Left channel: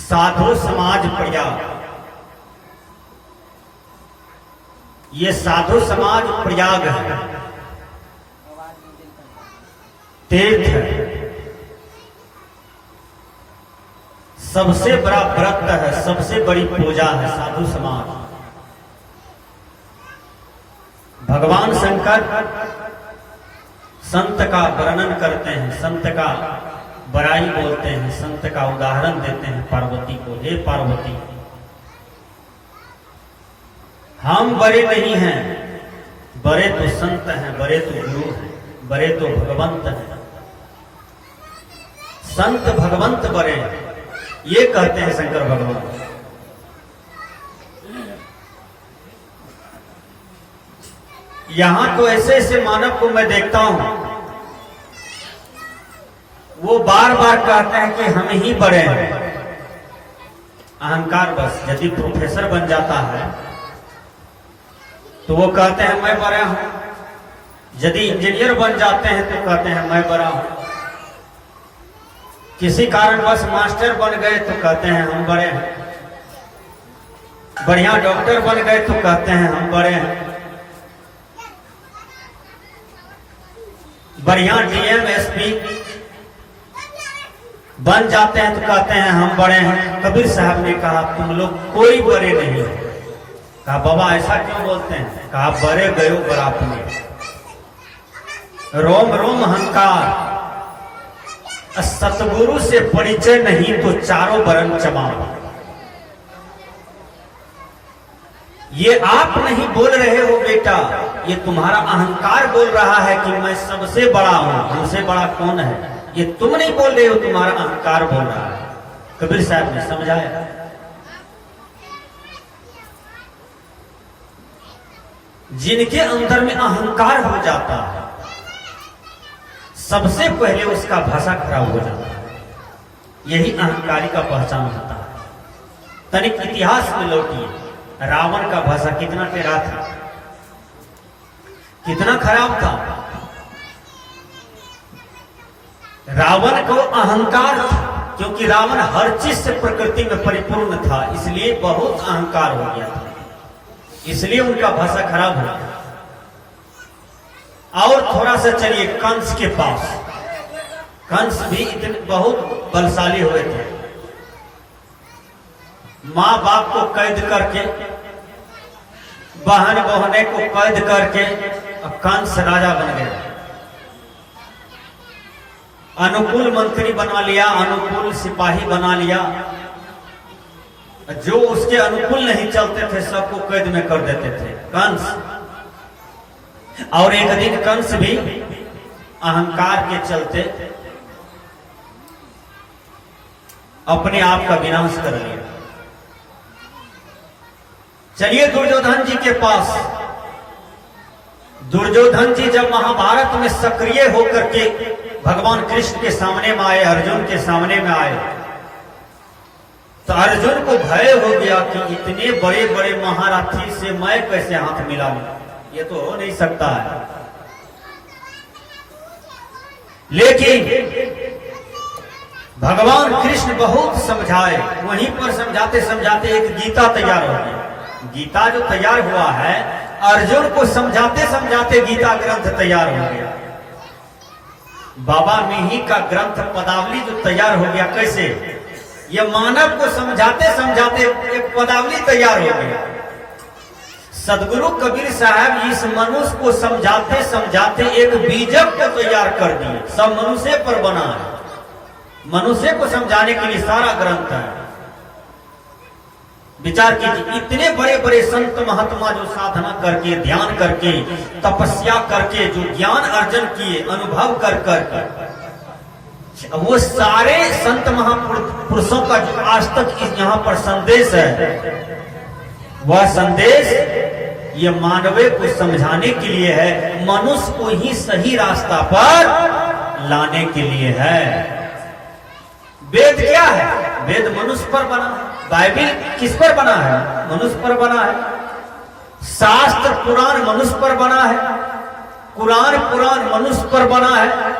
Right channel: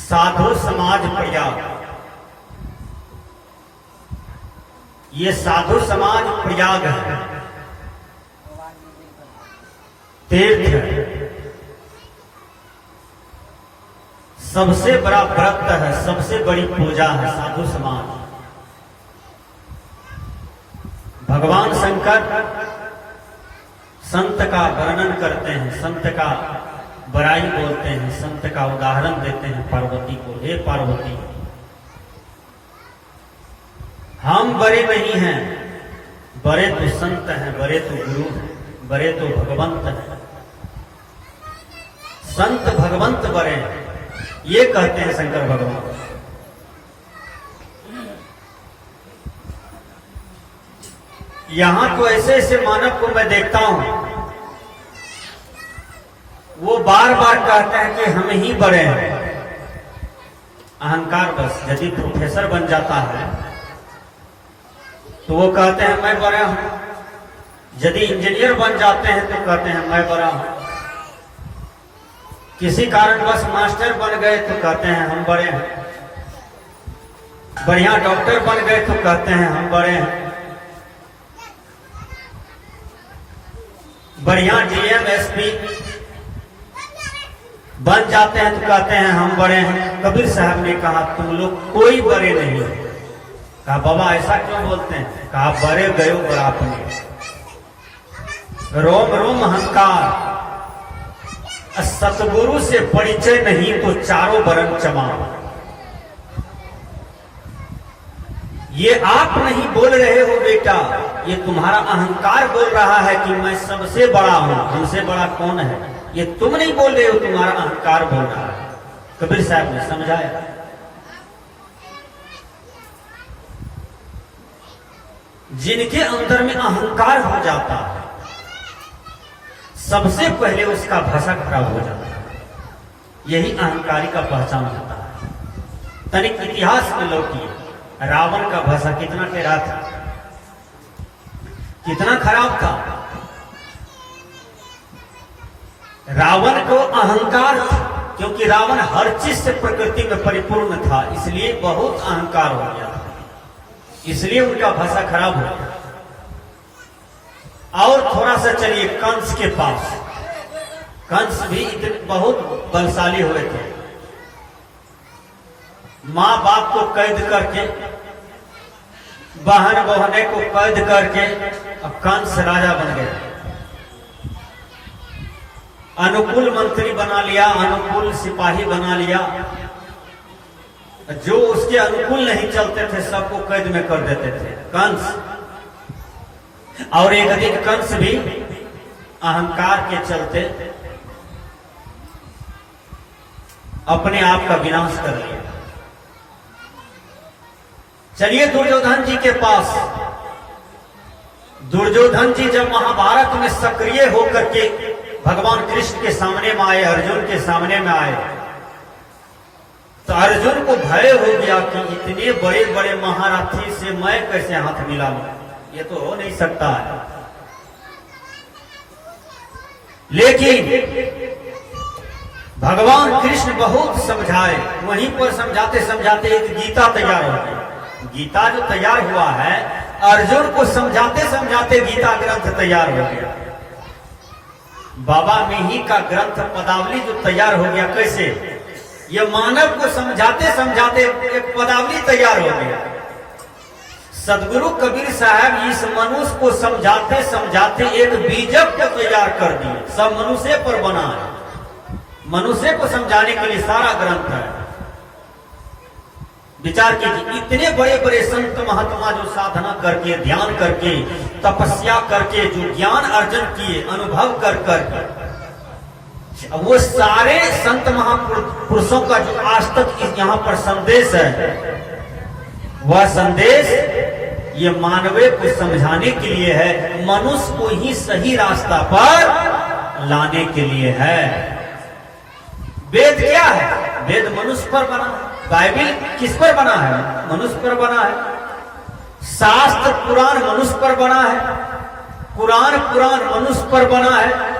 साधु समाज प्रयाग। ये साधु समाज प्रयाग है, तीर्थ है, सबसे बड़ा व्रत है, सबसे बड़ी पूजा है साधु समाज। भगवान शंकर संत का वर्णन करते हैं, संत का बड़ाई बोलते हैं, संत का उदाहरण देते हैं पार्वती को। हे पार्वती, हम बड़े नहीं हैं, बड़े तो संत हैं, बड़े तो गुरु हैं, बड़े तो भगवंत हैं। संत भगवंत बड़े हैं, ये कहते हैं शंकर भगवान। यहां तो ऐसे ऐसे मानव को मैं देखता हूं, वो बार बार कहते हैं कि हम ही बड़े हैं। अहंकार बस। यदि प्रोफेसर बन जाता है तो वो कहते हैं मैं बड़ा हूं, यदि इंजीनियर बन जाते हैं तो कहते हैं मैं बड़ा हूं, किसी कारणवश मास्टर बन गए तो कहते हैं हम बड़े हैं, बढ़िया डॉक्टर बन गए तो कहते हैं हम बड़े हैं, बढ़िया डीएम एसपी बन जाते हैं तो कहते हैं हम बड़े हैं। कबीर साहब ने कहा तुम लोग कोई बड़े नहीं हो। कहा बाबा ऐसा क्यों बोलते हैं? कहा बड़े गयो बड़ापने, रोम रोम अहंकार, सतगुरु से परिचय नहीं तो चारों बरन चमाओ। ये आप नहीं बोल रहे हो बेटा, ये तुम्हारा अहंकार बोल रहा है कि मैं सबसे बड़ा हूं, हमसे बड़ा कौन है। ये तुम नहीं बोल रहे हो, तुम्हारा अहंकार बोल रहा है। कबीर साहब ने समझाया। जिनके अंदर में अहंकार हो जाता है, सबसे पहले उसका भाषा खराब हो जाता है। यही अहंकारी का पहचान होता है। तनिक इतिहास में लौटिए, रावण का भाषा कितना टेढ़ा था, कितना खराब था। रावण को अहंकार था, क्योंकि रावण हर चीज से प्रकृति में परिपूर्ण था, इसलिए बहुत अहंकार हो गया था, इसलिए उनका भाषा खराब हो गया। और थोड़ा सा चलिए कंस के पास। कंस भी इतने बहुत बलशाली हुए थे। मां बाप को कैद करके, बहन बहने को कैद करके कंस राजा बन गया। अनुकूल मंत्री बना लिया, अनुकूल सिपाही बना लिया, जो उसके अनुकूल नहीं चलते थे सबको कैद में कर देते थे कंस। और एक दिन कंस भी अहंकार के चलते अपने आप का विनाश कर लिया। चलिए दुर्योधन जी के पास। दुर्योधन जी जब महाभारत में सक्रिय होकर के भगवान कृष्ण के सामने में आए, अर्जुन के सामने में आए, तो अर्जुन को भय हो गया कि इतने बड़े बड़े महारथी से मैं कैसे हाथ मिलाऊं, ये तो हो नहीं सकता है। लेकिन भगवान कृष्ण बहुत समझाए, वहीं पर समझाते समझाते एक गीता तैयार हो गई। गीता जो तैयार हुआ है, अर्जुन को समझाते समझाते गीता ग्रंथ तैयार हो गया। बाबा मिही का ग्रंथ पदावली जो तैयार हो गया, कैसे? ये मानव को समझाते समझाते एक पदावली तैयार हो गया। सदगुरु कबीर साहब इस मनुष्य को समझाते समझाते एक बीजक को तैयार कर दिए। सब मनुष्य पर बना है, मनुष्य को समझाने के लिए सारा ग्रंथ है। विचार कीजिए, इतने बड़े बड़े संत महात्मा जो साधना करके, ध्यान करके, तपस्या करके जो ज्ञान अर्जन किए, अनुभव कर करके, वो सारे संत महापुरुषों का जो आज तक यहाँ पर संदेश है, वह संदेश ये मानवीय को समझाने के लिए है, मनुष्य को ही सही रास्ता पर लाने के लिए है। वेद क्या है? वेद मनुष्य पर बना। बाइबिल किस पर बना है? मनुष्य पर बना है। शास्त्र पुराण मनुष्य पर बना है, कुरान पुराण मनुष्य पर बना है।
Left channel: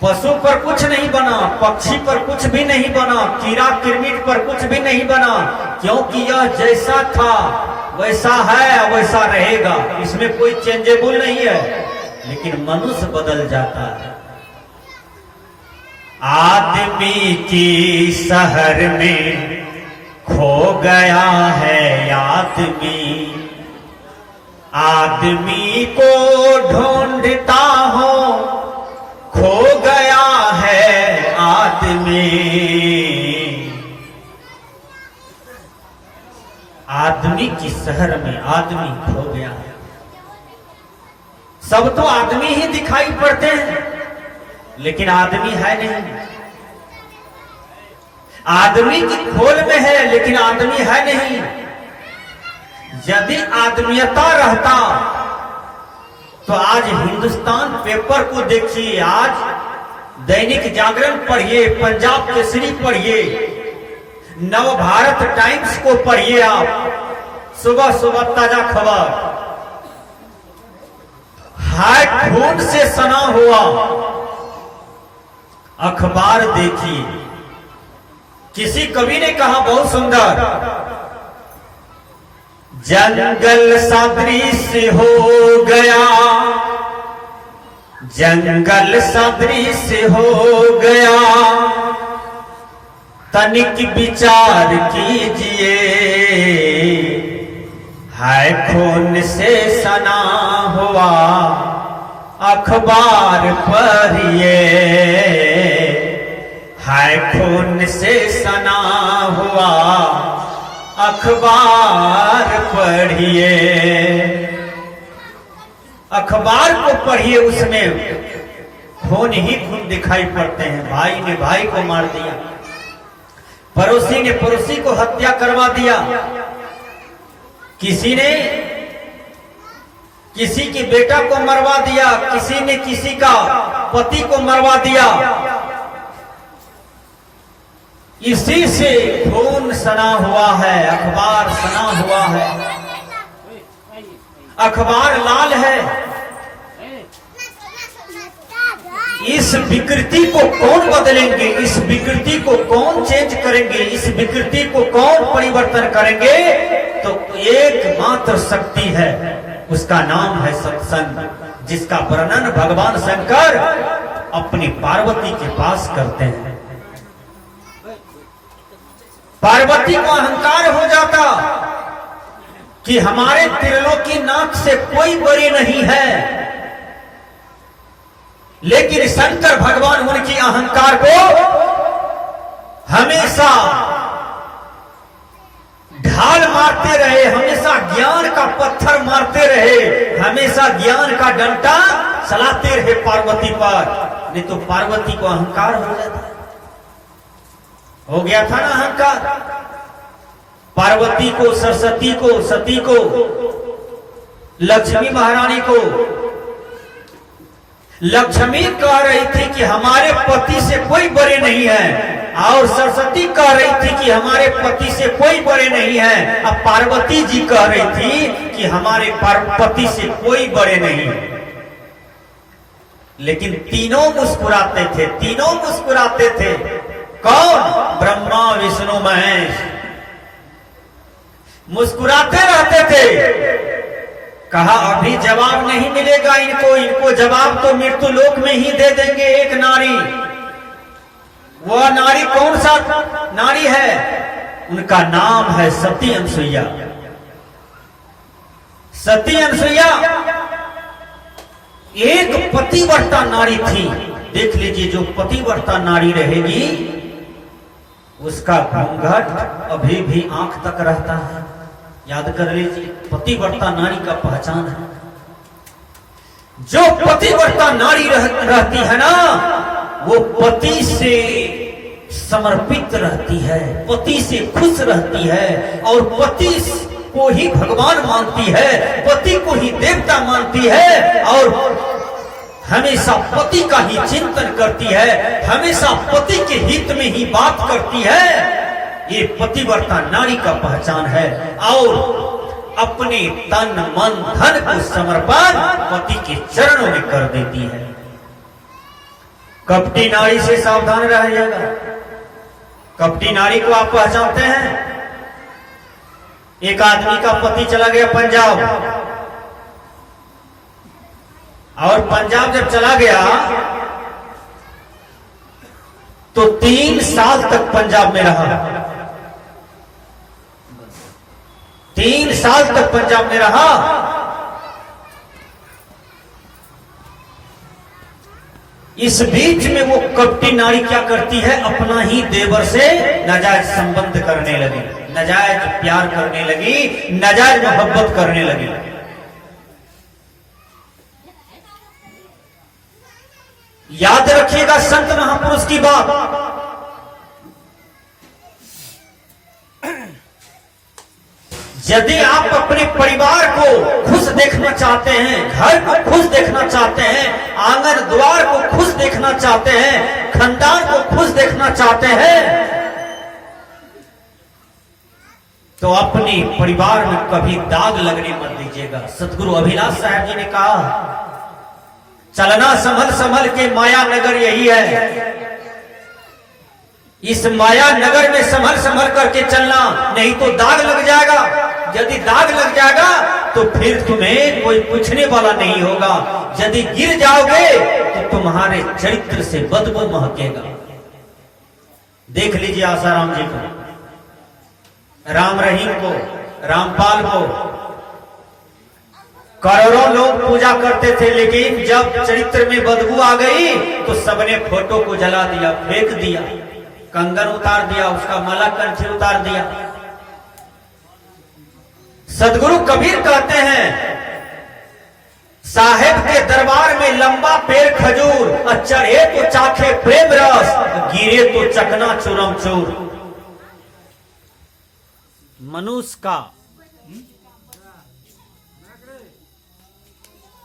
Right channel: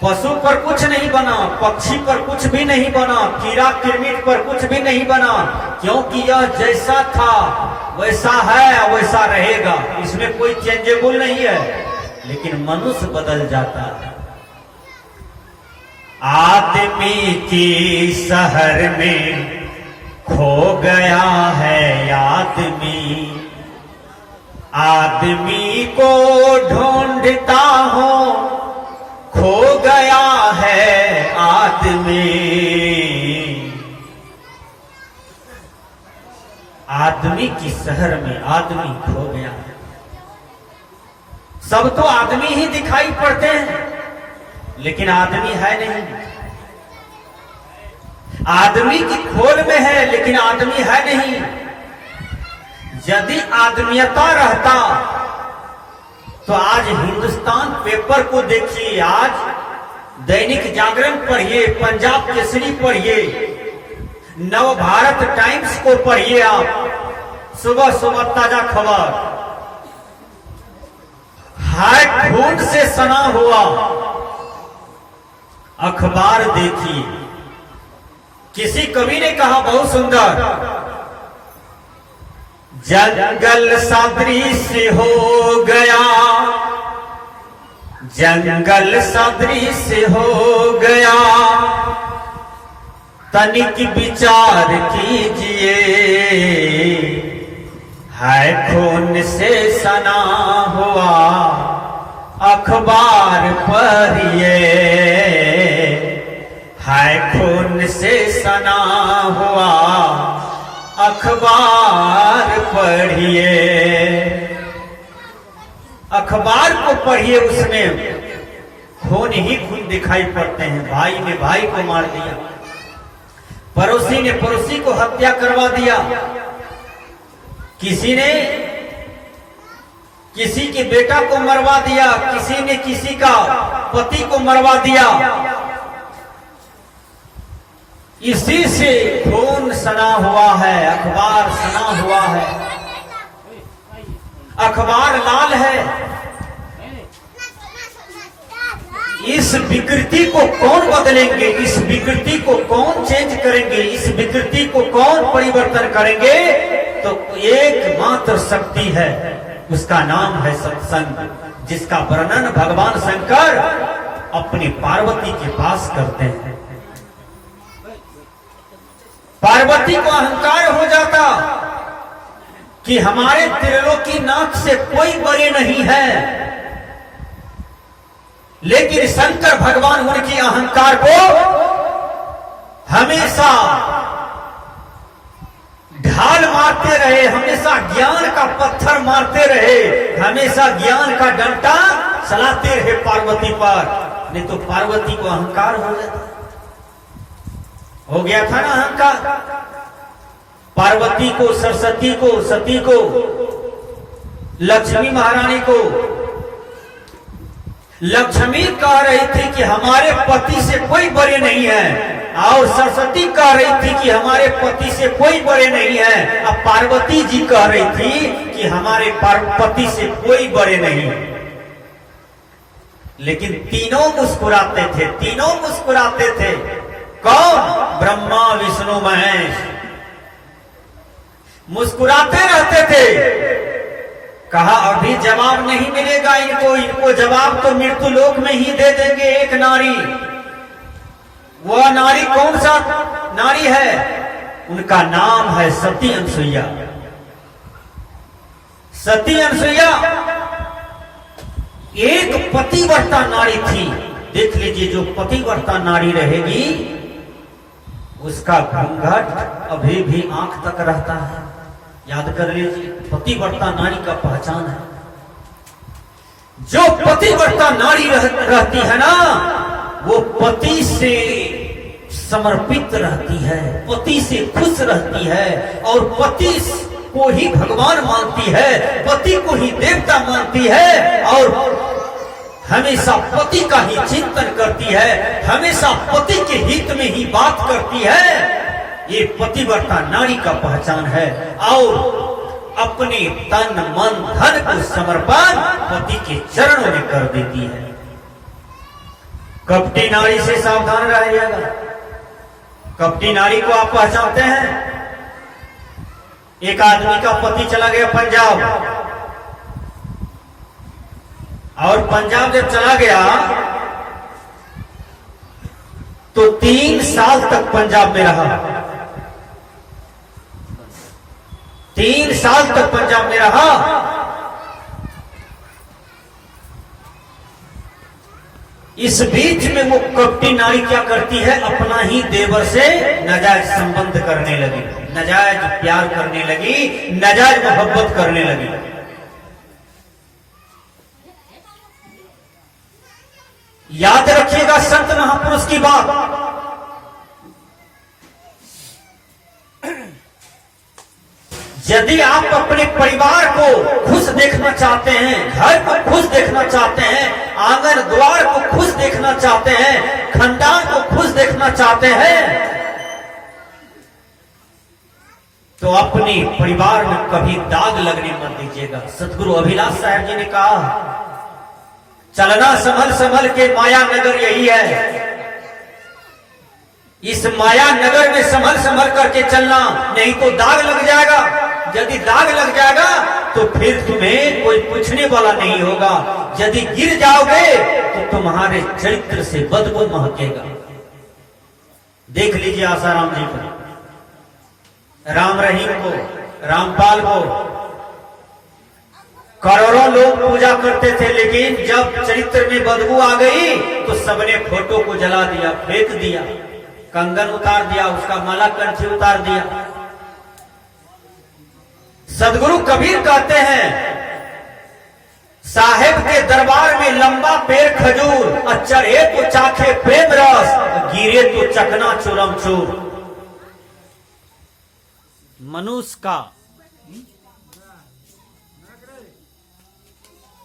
पशु पर कुछ नहीं बना, पक्षी पर कुछ भी नहीं बना, कीड़ा किरमिट पर कुछ भी नहीं बना, क्योंकि यह जैसा था वैसा है वैसा रहेगा, इसमें कोई चेंजेबल नहीं है। लेकिन मनुष्य बदल जाता है। आदमी की शहर में खो गया है आदमी, आदमी को ढूंढता हो खो गया है आदमी। आदमी की शहर में आदमी खो गया है। सब तो आदमी ही दिखाई पड़ते हैं, लेकिन आदमी है नहीं। आदमी की खोल में है, लेकिन आदमी है नहीं। यदि आदमीयता रहता तो आज हिंदुस्तान पेपर को देखिए, आज दैनिक जागरण पढ़िए, पंजाब केसरी पढ़िए, नव भारत टाइम्स को पढ़िए, आप सुबह सुबह ताजा खबर। हार्ट खून से सना हुआ अखबार देखिए। किसी कवि ने कहा बहुत सुंदर, जंगल सदृश हो गया, जंगल सदृश हो गया, तनिक विचार कीजिए, है खून से सना हुआ अखबार पढ़िए, है खून से सना हुआ अखबार पढ़िए। अखबार को पढ़िए, उसमें खून ही खून दिखाई पड़ते हैं। भाई ने भाई को मार दिया, पड़ोसी ने पड़ोसी को हत्या करवा दिया, किसी ने किसी के बेटा को मरवा दिया, किसी ने किसी का पति को मरवा दिया। इसी से खून सना हुआ है, अखबार सना हुआ है, अखबार लाल है। इस विकृति को कौन बदलेंगे, इस विकृति को कौन चेंज करेंगे, इस विकृति को कौन परिवर्तन करेंगे? तो एकमात्र शक्ति है, उसका नाम है सत्संग, जिसका वर्णन भगवान शंकर अपनी पार्वती के पास करते हैं। पार्वती को अहंकार हो जाता कि हमारे त्रिलोकी नाथ से कोई बड़ी नहीं है, लेकिन शंकर भगवान उनकी अहंकार को हमेशा ढाल मारते रहे, हमेशा ज्ञान का पत्थर मारते रहे, हमेशा ज्ञान का डंडा चलाते रहे पार्वती पर। नहीं तो पार्वती को अहंकार हो जाता, हो गया था ना अहंकार। पार्वती को, सरस्वती को, सती को, लक्ष्मी महारानी को लक्ष्मी कह रही थी कि हमारे पति से कोई बड़े नहीं है, और सरस्वती कह रही थी कि हमारे पति से कोई बड़े नहीं है। अब पार्वती जी कह रही थी कि हमारे पति से कोई बड़े नहीं है। लेकिन तीनों मुस्कुराते थे, तीनों मुस्कुराते थे। कौन? ब्रह्मा विष्णु महेश मुस्कुराते रहते थे। कहा अभी जवाब नहीं मिलेगा इनको, इनको जवाब तो मृत्यु लोक में ही दे देंगे। एक नारी, वह नारी कौन सा नारी है? उनका नाम है सती अनसुईया। सती अनसुईया एक पतिव्रता नारी थी। देख लीजिए, जो पतिव्रता नारी रहेगी उसका घूंघट अभी भी आंख तक रहता है। याद कर लीजिए, पतिव्रता नारी का पहचान है। जो पतिव्रता नारी रहती है ना, वो पति से समर्पित रहती है, पति से खुश रहती है, और पति को ही भगवान मानती है, पति को ही देवता मानती है, और हमेशा पति का ही चिंतन करती है, हमेशा पति के हित में ही बात करती है। ये पतिव्रता नारी का पहचान है। और अपने तन मन धन को समर्पण पति के चरणों में कर देती है। कपटी नारी से सावधान रहिएगा। कपटी नारी को आप पहचानते हैं? एक आदमी का पति चला गया पंजाब, और पंजाब जब चला गया तो 3 साल तक पंजाब में रहा। 3 साल तक पंजाब में रहा। इस बीच में वो कपटी नारी क्या करती है, अपना ही देवर से नाजायज संबंध करने लगी, नाजायज प्यार करने लगी, नाजायज मोहब्बत करने लगी। याद रखिएगा संत महापुरुष की बात। यदि आप अपने परिवार को खुश देखना चाहते हैं, घर को खुश देखना चाहते हैं, आंगन द्वार को खुश देखना चाहते हैं, खानदान को खुश देखना चाहते हैं, तो अपने परिवार में कभी दाग लगने मत दीजिएगा। सतगुरु अभिलाष साहब जी ने कहा, चलना संभल संभल के माया नगर यही है। इस माया नगर में संभल संभल करके चलना, नहीं तो दाग लग जाएगा। यदि दाग लग जाएगा तो फिर तुम्हें कोई पूछने वाला नहीं होगा। यदि गिर जाओगे तो तुम्हारे चरित्र से बदबू महकेगा। देख लीजिए आसाराम जी को, राम रहीम को, रामपाल को। करोड़ों लोग पूजा करते थे, लेकिन जब चरित्र में बदबू आ गई तो सबने फोटो को जला दिया, फेंक दिया, कंगन उतार दिया, उसका माला कंठी उतार दिया। सदगुरु कबीर कहते हैं, साहेब के दरबार में लंबा पेड़ खजूर, और चढ़े तो चाखे प्रेम रस, गिरे तो चकना चूरम चूर। मनुष्य का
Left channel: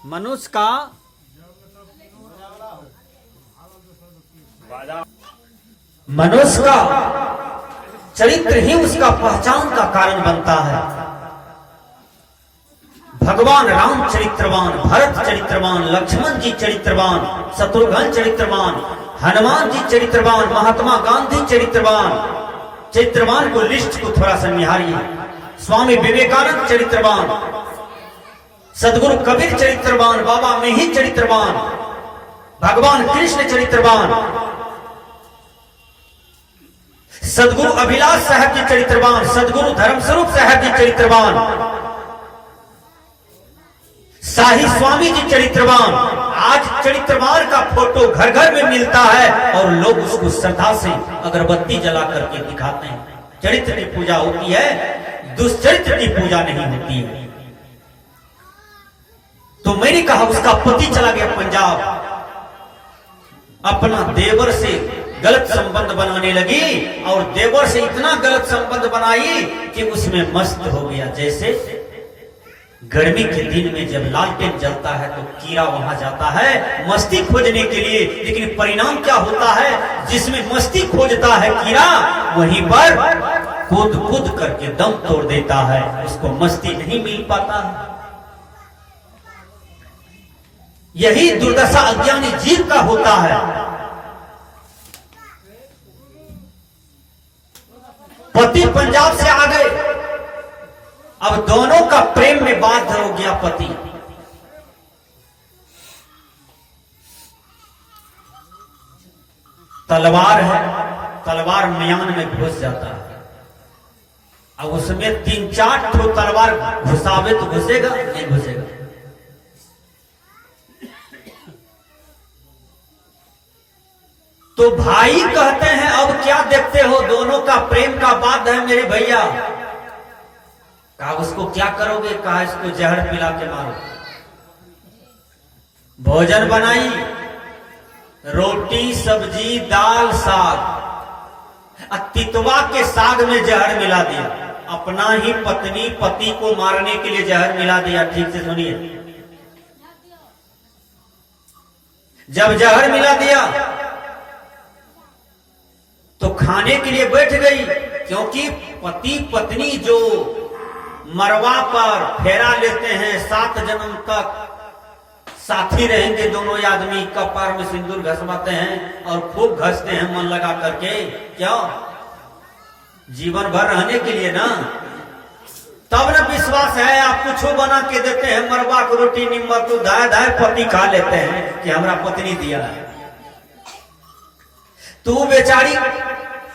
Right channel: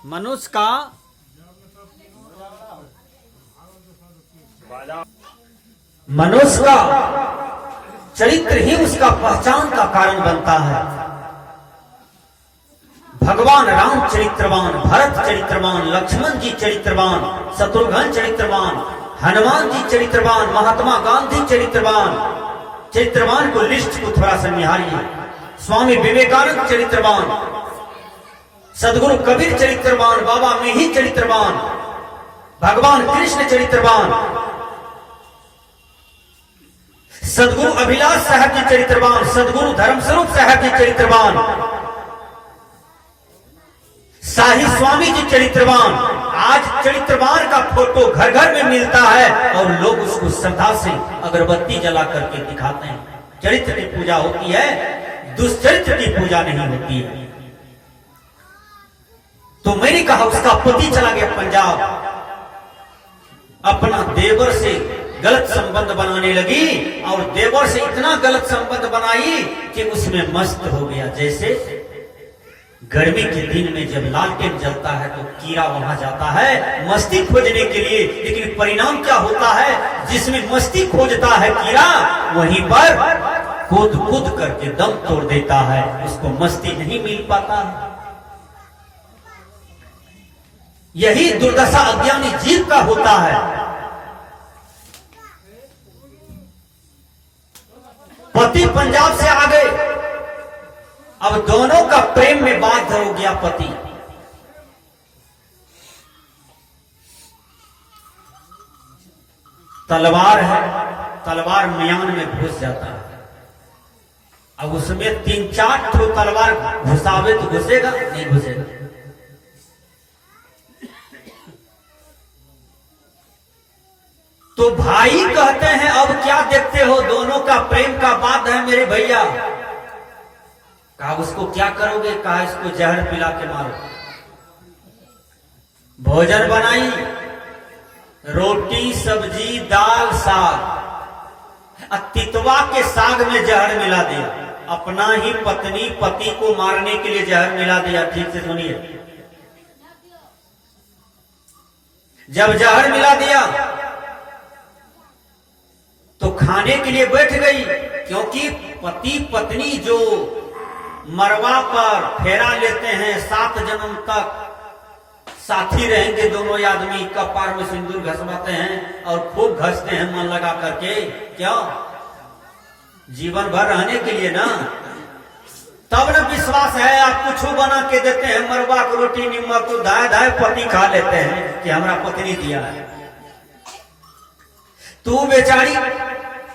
मनुष्य का चरित्र ही उसका पहचान का कारण बनता है। भगवान राम चरित्रवान, भरत चरित्रवान, लक्ष्मण जी चरित्रवान, शत्रुघ्न चरित्रवान, हनुमान जी चरित्रवान, महात्मा गांधी चरित्रवान। चरित्रवान को लिस्ट को थोड़ा सा निहारिए। स्वामी विवेकानंद चरित्रवान, सदगुरु कबीर चरित्रवान, बाबा मेही चरित्रवान, भगवान कृष्ण चरित्रवान, सदगुरु अभिलाष साहब जी चरित्रवान, सदगुरु धर्मस्वरूप साहब जी चरित्रवान, शाही स्वामी जी चरित्रवान। आज चरित्रवान का फोटो घर घर में मिलता है और लोग उसको श्रद्धा से अगरबत्ती जला करके दिखाते हैं। चरित्र की पूजा होती है, दुष्चरित्र की पूजा नहीं होती है। तो मैंने कहा उसका पति चला गया पंजाब, अपना देवर से गलत संबंध बनाने लगी, और देवर से इतना गलत संबंध बनाई कि उसमें मस्त हो गया। जैसे गर्मी के दिन में जब लालटेन जलता है तो कीड़ा वहां जाता है मस्ती खोजने के लिए, लेकिन परिणाम क्या होता है, जिसमें मस्ती खोजता है कीड़ा, वहीं पर कूद कूद करके दम तोड़ देता है, उसको मस्ती नहीं मिल पाता है। यही दुर्दशा अज्ञानी जीव का होता है। पति पंजाब से आ गए, अब दोनों का प्रेम में बाध्य हो गया पति। तलवार है, तलवार म्यान में घुस जाता है। अब उसमें 3-4 ठो तलवार घुसावे तो घुसेगा नहीं घुसेगा। तो भाई कहते हैं अब क्या देखते हो, दोनों का प्रेम का बात है मेरे भैया। कहा उसको क्या करोगे, कहा इसको जहर पिला के मारो। भोजन बनाई, रोटी सब्जी दाल साग, तितवा के साग में जहर मिला दिया। अपना ही पत्नी पति को मारने के लिए जहर मिला दिया। ठीक से सुनिए, जब जहर मिला दिया तो खाने के लिए बैठ गई, क्योंकि पति पत्नी जो मरवा पर फेरा लेते हैं 7 जन्म तक साथी रहेंगे दोनों आदमी, कपार में सिंदूर घसवाते हैं और खूब घसते हैं मन लगा करके, क्या जीवन भर रहने के लिए ना। तब न विश्वास है, आप कुछ बना के देते हैं, मरवा को रोटी नीमक को दाए दाए पति खा लेते हैं कि हमारा पत्नी दिया है। तू बेचारी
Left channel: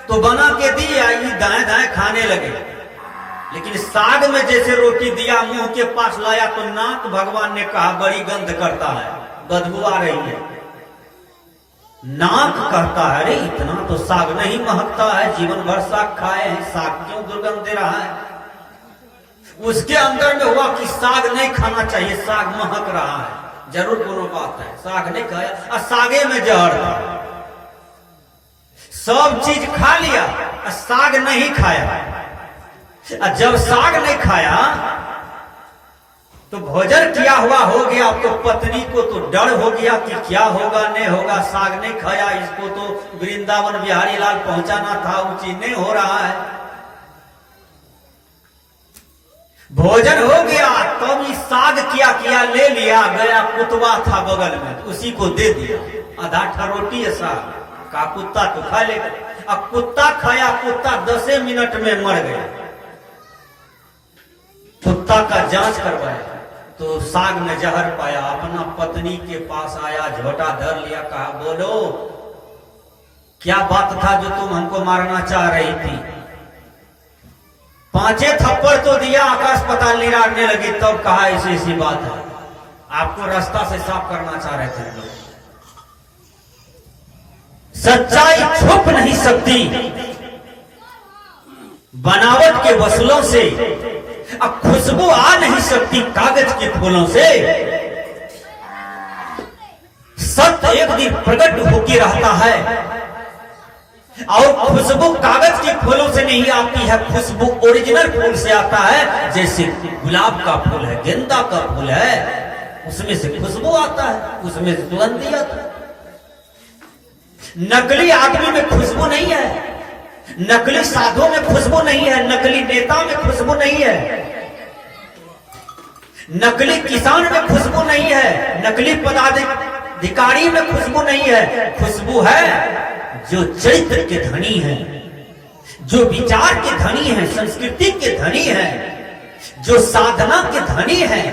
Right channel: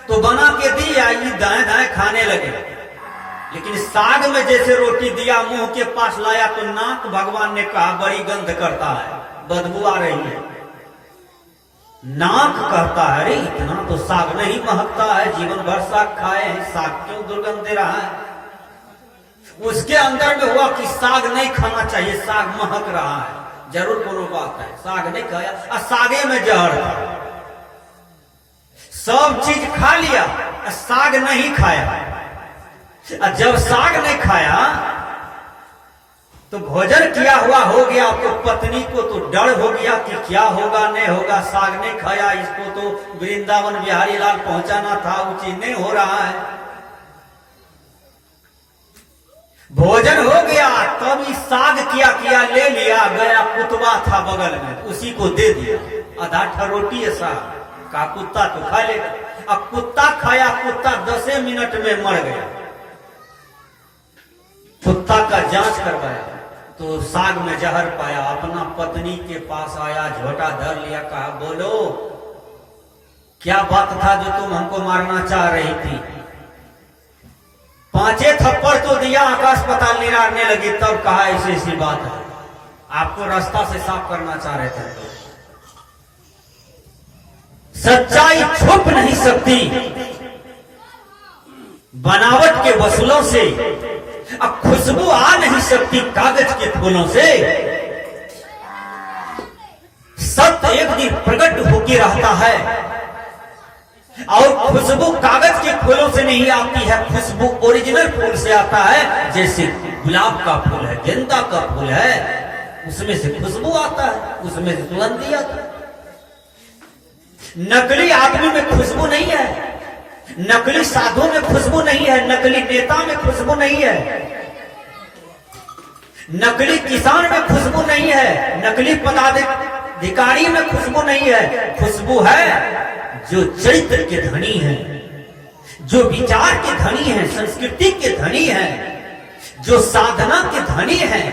तो बना के दी, आई दाए दाए खाने लगे। लेकिन साग में जैसे रोटी दिया, मुंह के पास लाया तो नाक भगवान ने कहा बड़ी गंध करता है, बदबू आ रही है। नाक कहता है अरे इतना तो साग नहीं महकता है, जीवन भर साग खाए हैं, साग क्यों दुर्गंध दे रहा है। उसके अंदर में हुआ कि साग नहीं खाना चाहिए, साग महक रहा है, जरूर कोनो बात है। साग नहीं खाया और सागे में जहर था। सब चीज खा लिया और साग नहीं खाया। और जब साग नहीं खाया तो भोजन किया हुआ हो गया, तो पत्नी को तो डर हो गया कि क्या होगा नहीं होगा, साग नहीं खाया, इसको तो वृंदावन बिहारी लाल पहुंचाना था, वो चीज नहीं हो रहा है। भोजन हो गया तब इस साग किया ले लिया, गया कुतवा था बगल में, उसी को दे दिया। आधा ठा रोटी है साग का, कुत्ता तो खा लेगा। अब कुत्ता खाया, कुत्ता 10 मिनट में मर गया। कुत्ता का जांच करवाया तो साग में जहर पाया। अपना पत्नी के पास आया, झोटा धर लिया, कहा बोलो क्या बात था जो तुम हमको मारना चाह रही थी। 5 थप्पड़ तो दिया, आकाश पताल निरारने लगी। तब कहा ऐसी ऐसी बात है, आपको रास्ता से साफ करना चाह रहे थे। सच्चाई छुप नहीं सकती बनावट के वसूलों से, अब खुशबू आ नहीं सकती कागज के फूलों से। सत्य एक दिन प्रकट होकर रहता है और खुशबू कागज के फूलों से नहीं आती है, खुशबू ओरिजिनल फूल से आता है। जैसे गुलाब का फूल है, गेंदा का फूल है, उसमें से खुशबू आता है, उसमें से सुगंध आता है। नकली आदमी में खुशबू नहीं है, नकली साधु में खुशबू नहीं है, नकली नेता में खुशबू नहीं है, नकली किसान में खुशबू नहीं है, नकली पदाधिकारी में खुशबू नहीं है। खुशबू है जो चरित्र के धनी है, जो विचार के धनी है, संस्कृति के धनी है, जो साधना के धनी है,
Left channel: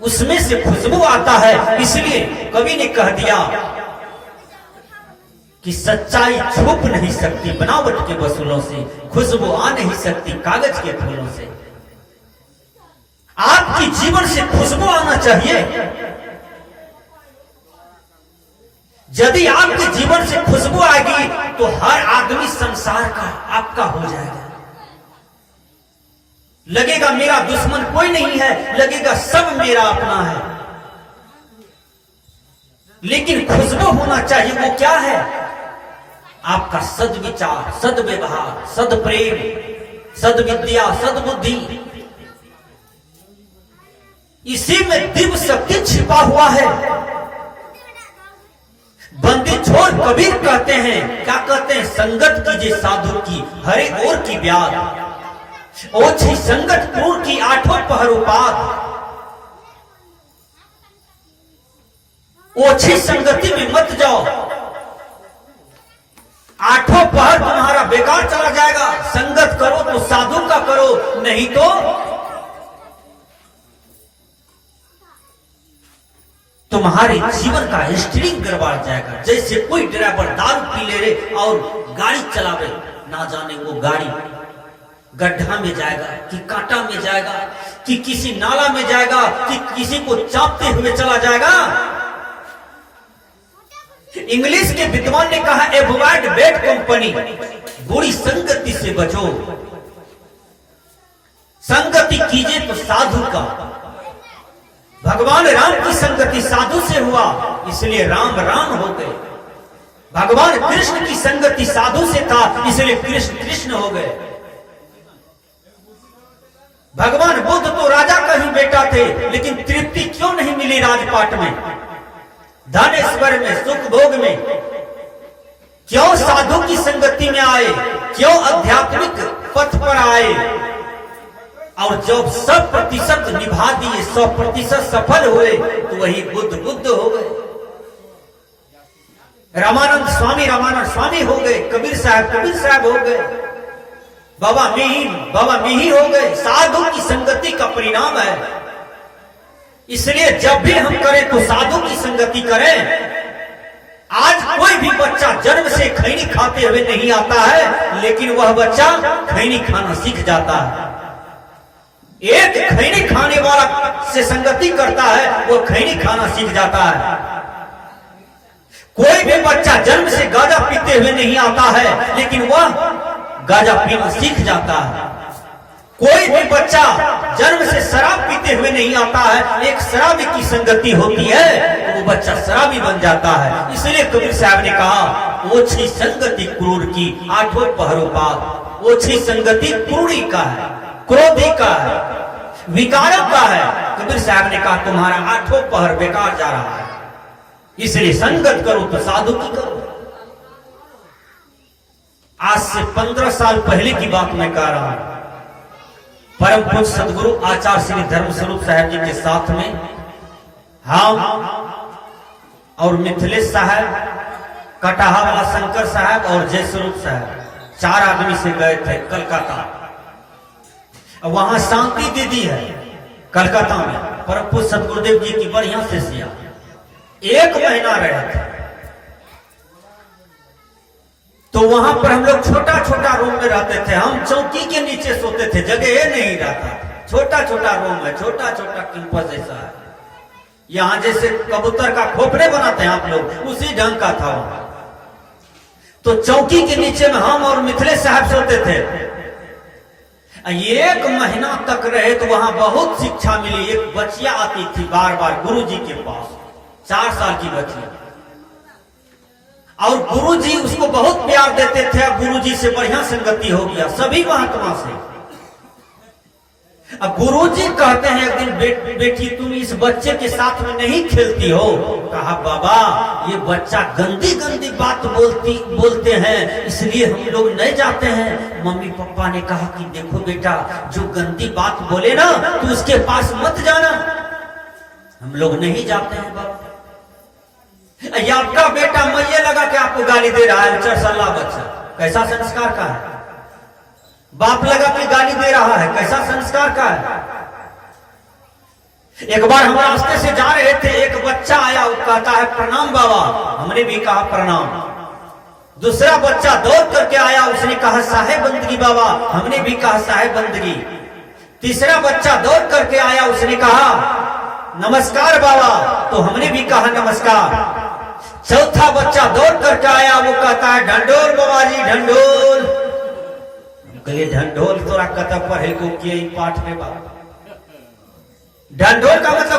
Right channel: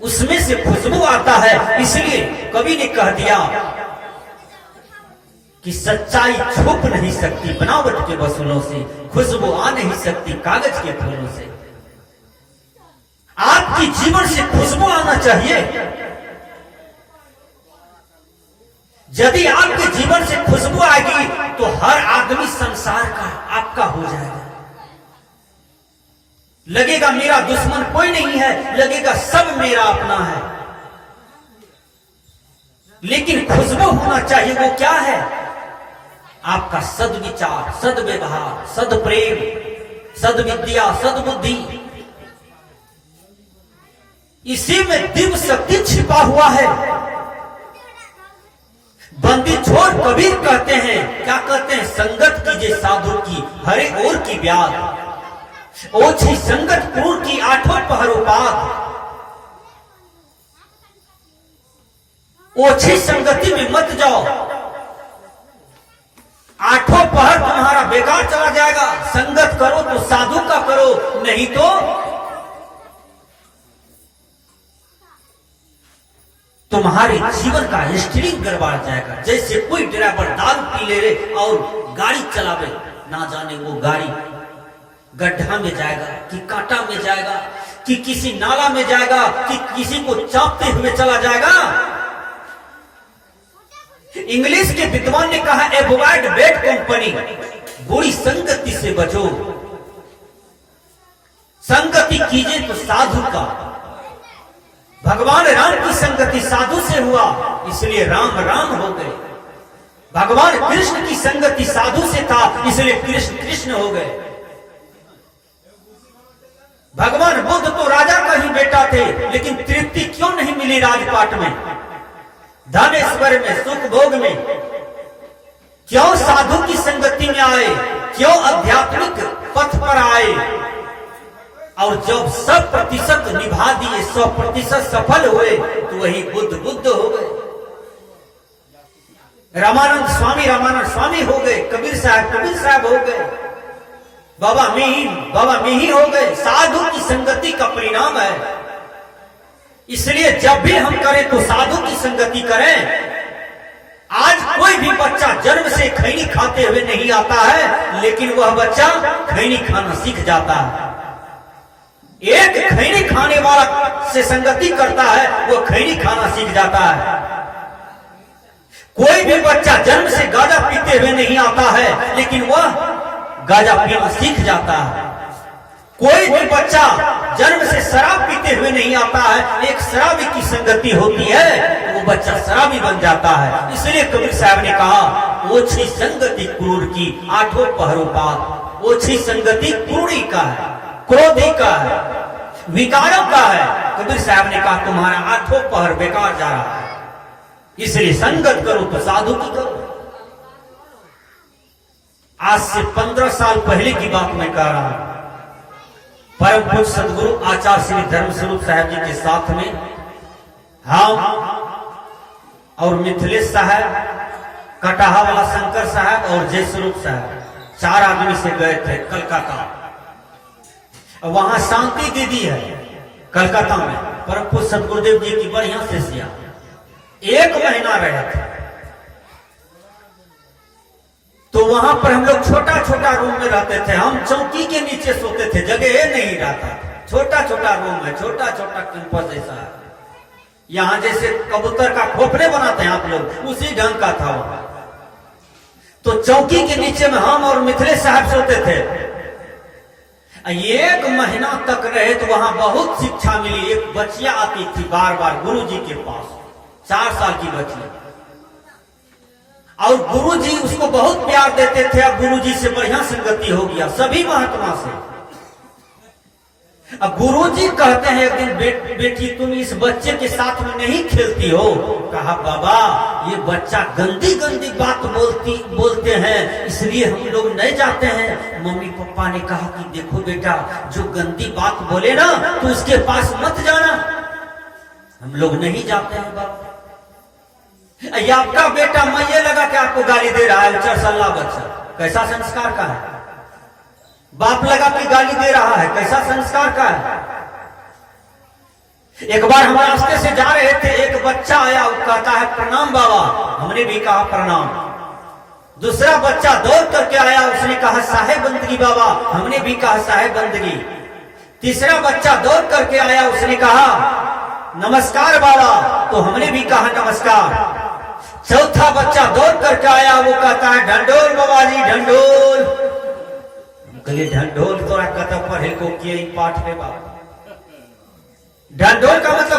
उसमें से खुशबू आता है। इसलिए कवि ने कह दिया कि सच्चाई छुप नहीं सकती बनावट के वसूलों से, खुशबू आ नहीं सकती कागज के फूलों से। आपके जीवन से खुशबू आना चाहिए। यदि आपके जीवन से खुशबू आएगी तो हर आदमी संसार का आपका हो जाएगा। लगेगा मेरा दुश्मन कोई नहीं है, लगेगा सब मेरा अपना है। लेकिन खुशबू होना चाहिए, वो क्या है? आपका सद्विचार, सद्व्यवहार, सद्प्रेम, सद्विद्या, सद्बुद्धि। इसी में दिव्य शक्ति छिपा हुआ है। बंदी छोड़ कबीर कहते हैं, क्या कहते हैं? संगत कीजिए साधु की, हरे ओर की ब्याद, ओछी संगत पूर्ण की, आठों पहर उपाद। ओछी संगति में मत जाओ, आठों पहर तुम्हारा बेकार चला जाएगा। संगत करो तो साधु का करो, नहीं तो तुम्हारे जीवन का स्टीयरिंग गड़बड़ जाएगा। जैसे कोई ड्राइवर दारू पी ले रहे और गाड़ी चलावे, ना जाने वो गाड़ी गड्ढा में जाएगा कि कांटा में जाएगा कि किसी नाला में जाएगा कि किसी को चापते हुए चला जाएगा। इंग्लिश के विद्वान ने कहा, एवॉइड बैड कंपनी, बुरी संगति से बचो। संगति कीजिए तो साधु का। भगवान राम की संगति साधु से हुआ, इसलिए राम राम हो गए। भगवान कृष्ण की संगति साधु से था, इसलिए कृष्ण कृष्ण हो गए। भगवान बुद्ध तो राजा का ही बेटा थे, लेकिन तृप्ति क्यों नहीं मिली राजपाट में, धन ऐश्वर्य में, सुख भोग में? क्यों साधु की संगति में आए? क्यों आध्यात्मिक पथ पर आए? और जब 100% निभा दिए, 100% सफल हुए, तो वही बुद्ध हो गए। रामानंद स्वामी हो गए, कबीर साहब हो गए, बाबा मिहिर हो गए। साधु की संगति का परिणाम है। इसलिए जब भी हम करें तो साधु की संगति करें। आज कोई भी बच्चा जन्म से खैनी खाते हुए नहीं आता है, लेकिन वह बच्चा खैनी खाना सीख जाता है। एक खैनी खाने वाला से संगति करता है, वो खैनी खाना सीख जाता है। कोई भी बच्चा जन्म से गांजा पीते हुए नहीं आता है, लेकिन वह गांजा पीना सीख जाता है। कोई भी बच्चा जन्म से शराब पीते हुए नहीं आता है, एक शराबी की संगति होती है, तो वो बच्चा शराबी बन जाता है। इसलिए कबीर साहब ने कहा, ओछी संगति क्रूर की, आठों पहरों पार। ओछी संगति क्रूरी का है, क्रोधी का है, विकारक का है। कबीर साहब ने कहा, तुम्हारा आठों पहर बेकार जा रहा है, इसलिए संगत करो तो साधु की करो। आज से 15 साल पहले की बात मैं कह रहा हूं। परम पूज्य सदगुरु आचार्य श्री धर्म स्वरूप साहब जी के साथ में हम और मिथिलेश साहब, कटाहा वाला शंकर साहब और जय स्वरूप साहब 4 आदमी से गए थे कलकत्ता। वहां शांति दीदी है कलकत्ता में, परम पूज्य सदगुरुदेव जी की बढ़िया शिष्या। 1 महीना रहे थे। तो वहां पर हम लोग छोटा रूम में रहते थे। हम चौकी के नीचे सोते थे, जगह नहीं रहता। छोटा रूम है, छोटा कैंपस जैसा है। यहां जैसे कबूतर का खोपड़े बनाते हैं आप लोग, उसी ढंग का था वहां। तो चौकी के नीचे में हम और मिथिलेश साहब सोते थे। 1 महीना तक रहे तो वहां बहुत शिक्षा मिली। एक बच्चिया आती थी बार गुरु जी के पास, 4 साल की बच्चिया, और गुरुजी उसको बहुत प्यार देते थे। अब गुरुजी से बढ़िया संगति हो गया सभी महात्मा से। अब गुरुजी कहते हैं एक दिन, बेटी तुम इस बच्चे के साथ में नहीं खेलती हो? कहा, बाबा ये बच्चा गंदी बात बोलते हैं, इसलिए हम लोग नहीं जाते हैं। मम्मी पापा ने कहा कि देखो बेटा, जो गंदी बात बोले ना तो उसके पास मत जाना। हम लोग नहीं जाते हैं बाबा। ये आपका बेटा मैये लगा कि आपको गाली दे रहा है, 4 साल बच्चा, कैसा संस्कार का है? बाप लगा कि गाली दे रहा है, कैसा संस्कार का है? एक बार हम रास्ते से जा रहे थे, एक बच्चा आया, वो कहता है प्रणाम बाबा। हमने भी कहा प्रणाम। दूसरा बच्चा दौड़ करके आया, उसने कहा साहेब बंदगी बाबा। हमने भी कहा साहेब बंदगी। तीसरा बच्चा दौड़ करके आया, उसने कहा नमस्कार बाबा, तो हमने भी कहा नमस्कार। चौथा बच्चा दौड़ करके आया, वो कहता है ढंडोल बाबा जी, ढंडोल। कहे ढंडोल तोरा कत पढ़े को किए पाठ में बाबा। ढंडोल का मतलब